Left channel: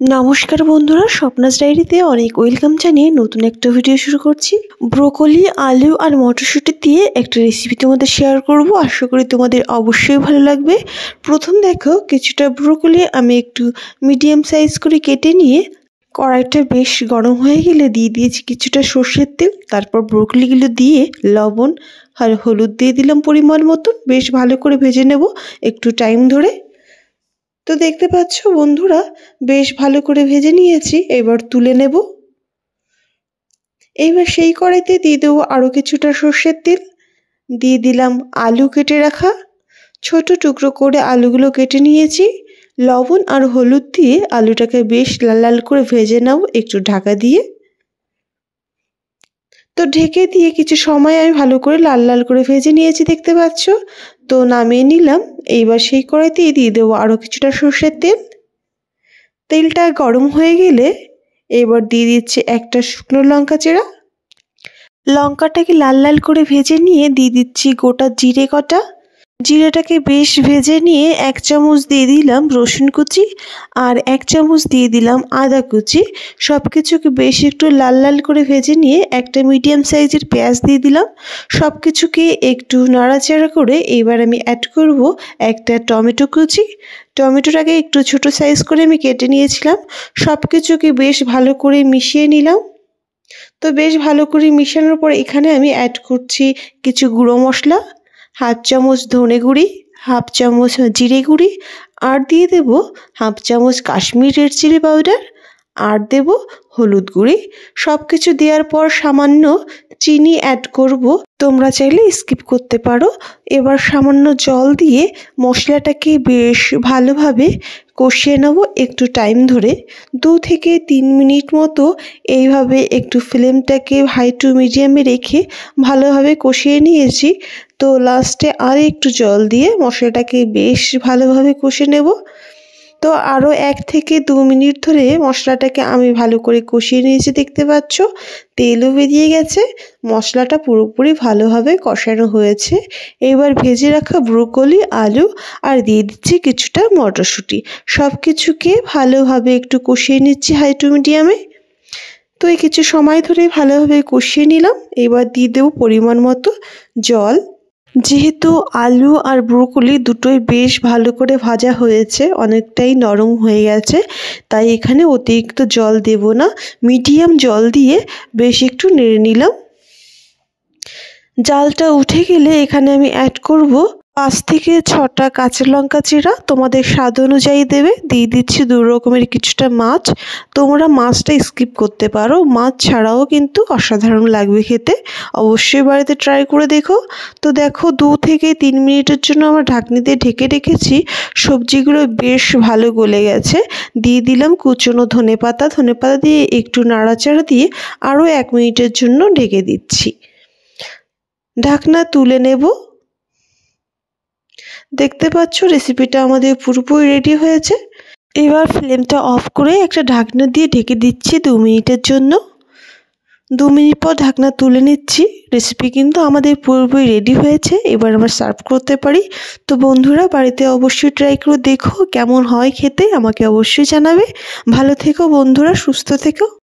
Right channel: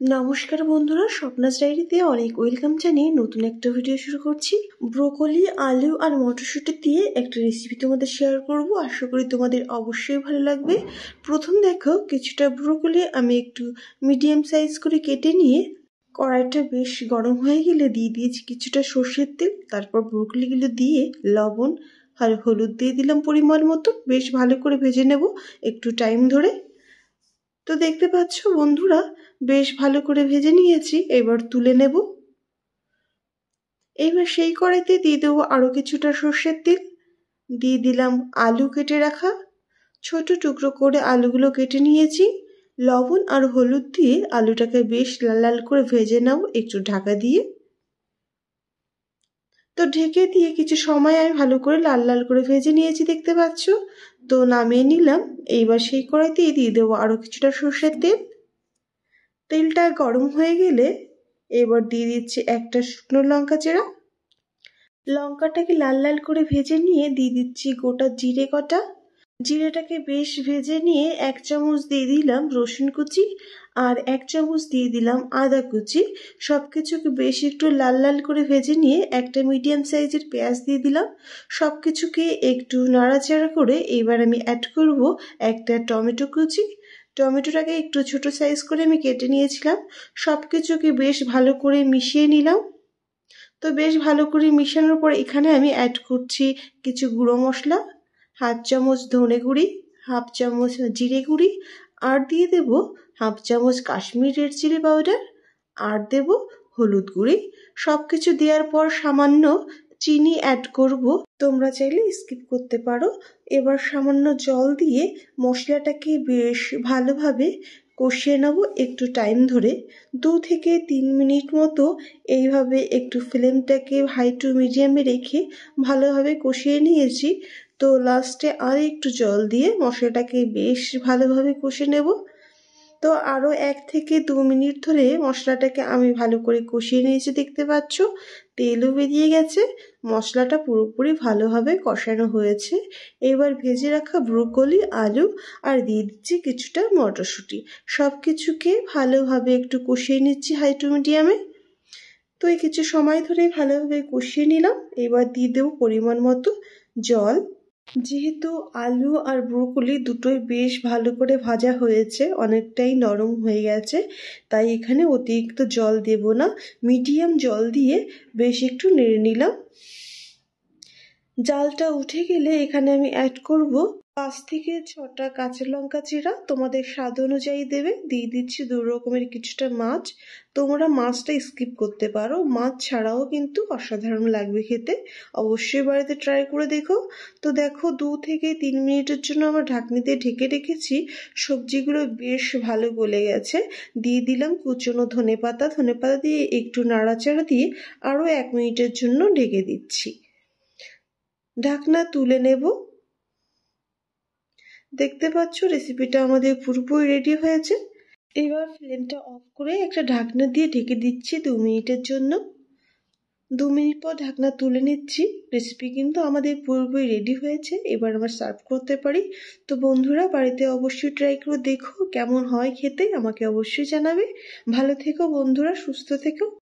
নমস্কার বন্ধুরা, স্বপ্নাস ডায়েরিতে অনেক ওয়েলকাম জানিয়ে নতুন একটা ভিডিও শুরু করছি। ব্রোকলি, আলু আর মটরশুঁটি দিয়ে একটা রেসিপি তোমাদের শেয়ার করব। আশা করি তোমাদের অবশ্যই ভালো লাগবে। প্রথম দেখো, কিছুটা ব্রোকলি আমি একটু মিডিয়াম সাইজ করে কেটে নিয়ে কড়াইটা বেশ গরম হয়ে গেলে দিয়ে দিয়েছি কিছুটা সর্ষের তেল। তারপর ব্রোকলিগুলো দিয়ে লবণ আর হলুদ দিয়ে দিলাম পরিমাণ মতো। বেশ ভালো করে ভেজে নেব একটু টাইম ধরে। তো দেখতে পাচ্ছ বন্ধুরা, বেশ ভালো করে ভেজে নিয়েছি। এবার তুলে নেব। এইবার সেই কড়াইতে দিয়ে দেবো আরও কিছুটা সর্ষের তেল। দিয়ে দিলাম আলু কেটে রাখা, ছোট টুকরো করে আলুগুলো কেটে নিয়েছি। লবণ আর হলুদ দিয়ে আলুটাকে বেশ লাল লাল করে ভেজে নাও একটু ঢাকা দিয়ে। তো ঢেকে দিয়ে কিছু সময় আমি ভালো করে লাল লাল করে ভেজে নিয়েছি, দেখতে পাচ্ছ। তো নামিয়ে নিলাম। এইবার সেই কড়াইতেই দিয়ে দেবো আরও কিছুটা সর্ষের তেল। তেলটা গরম হয়ে গেলে এবার দিয়ে দিচ্ছি একটা শুকনো লঙ্কা চেরা। লঙ্কাটাকে লাল লাল করে ভেজে নিয়ে দিয়ে দিচ্ছি গোটা জিরে কটা। জিরেটাকে বেশ ভেজে নিয়ে 1 চামচ দিয়ে দিলাম রসুন কুচি আর 1 চামচ দিয়ে দিলাম আদা কুচি। সব কিছুকে বেশ একটু লাল লাল করে ভেজে নিয়ে একটা মিডিয়াম সাইজের পেঁয়াজ দিয়ে দিলাম। সব কিছুকে একটু নাড়াচাড়া করে এবার আমি অ্যাড করব একটা টমেটো কুচি। টমেটোটাকে একটু ছোট সাইজ করে আমি কেটে নিয়েছিলাম। সব কিছুকে বেশ ভালো করে মিশিয়ে নিলাম। তো বেশ ভালো করে মিশানোর পর এখানে আমি অ্যাড করছি কিছু গুঁড়ো মশলা, 1/2 চামচ ধনে গুঁড়ি, 1/2 চামচ জিরে গুঁড়ি, আর দিয়ে দেব 1/2 চামচ কাশ্মীরি রেড চিলি পাউডার, আর দেব হলুদ গুঁড়ি। সব কিছু দেওয়ার পর সামান্য চিনি অ্যাড করব, তোমরা চাইলে স্কিপ করতে পারো। এবার সামান্য জল দিয়ে মশলাটাকে বেশ ভালোভাবে কষিয়ে নেব একটু টাইম ধরে। 2 থেকে 3 মিনিট মতো এইভাবে একটু ফ্লেমটাকে হাই টু মিডিয়ামে রেখে ভালোভাবে কষিয়ে নিয়েছি। তো লাস্টে আর একটু জল দিয়ে মশলাটাকে বেশ ভালোভাবে কষে নেব। তো আরও 1 থেকে 2 মিনিট ধরে মশলাটাকে আমি ভালো করে কষিয়ে নিয়েছি, দেখতে পাচ্ছ। তেলও বেরিয়ে গেছে, মশলাটা পুরোপুরি ভালোভাবে কষানো হয়েছে। এবার ভেজে রাখা ব্রোকলি, আলু আর দিয়ে দিচ্ছি কিছুটা মটরশুঁটি। সব কিছুকে ভালোভাবে একটু কষিয়ে নিচ্ছি হাই টু মিডিয়ামে। তো এই কিছু সময় ধরে ভালোভাবে কষিয়ে নিলাম। এবার দিয়ে দেবো পরিমাণ মতো জল। যেহেতু আলু আর ব্রোকলি দুটোই বেশ ভালো করে ভাজা হয়েছে, অনেকটাই নরম হয়ে গেছে, তাই এখানে অতিরিক্ত জল দেব না। মিডিয়াম জল দিয়ে বেশ একটু নেড়ে নিলাম। জালটা উঠে গেলে এখানে আমি অ্যাড করব 5 থেকে 6টা কাঁচা লঙ্কা চিরা, তোমাদের স্বাদ অনুযায়ী দেবে। দিয়ে দিচ্ছি 2 রকমের কিছুটা মাছ। তোমরা মাছটা স্কিপ করতে পারো, মাছ ছাড়াও কিন্তু অসাধারণ লাগবে খেতে। অবশ্যই বাড়িতে ট্রাই করে দেখো। তো দেখো 2 থেকে 3 মিনিটের জন্য আমার ঢাকনি দিয়ে ঢেকে রেখেছি। সবজিগুলো বেশ ভালো গলে গেছে। দিয়ে দিলাম কুচনো ধনেপাতা। ধনেপাতা দিয়ে একটু নাড়াচাড়া দিয়ে আরও 1 মিনিটের জন্য ঢেকে দিচ্ছি। ঢাকনা তুলে নেব। দেখতে পাচ্ছ রেসিপিটা আমাদের পুরোপুরি রেডি হয়েছে। এবার ফ্লেমটা অফ করে একটা ঢাকনা দিয়ে ঢেকে দিচ্ছি 2 মিনিটের জন্য। 2 মিনিট পর ঢাকনা তুলে নিচ্ছি। রেসিপি কিন্তু আমাদের পুরোপুরি রেডি হয়েছে। এবার আমরা সার্ভ করতে পারি। তো বন্ধুরা, বাড়িতে অবশ্যই ট্রাই করে দেখো কেমন হয় খেতে, আমাকে অবশ্যই জানাবে। ভালো থেকো বন্ধুরা, সুস্থ থেকো।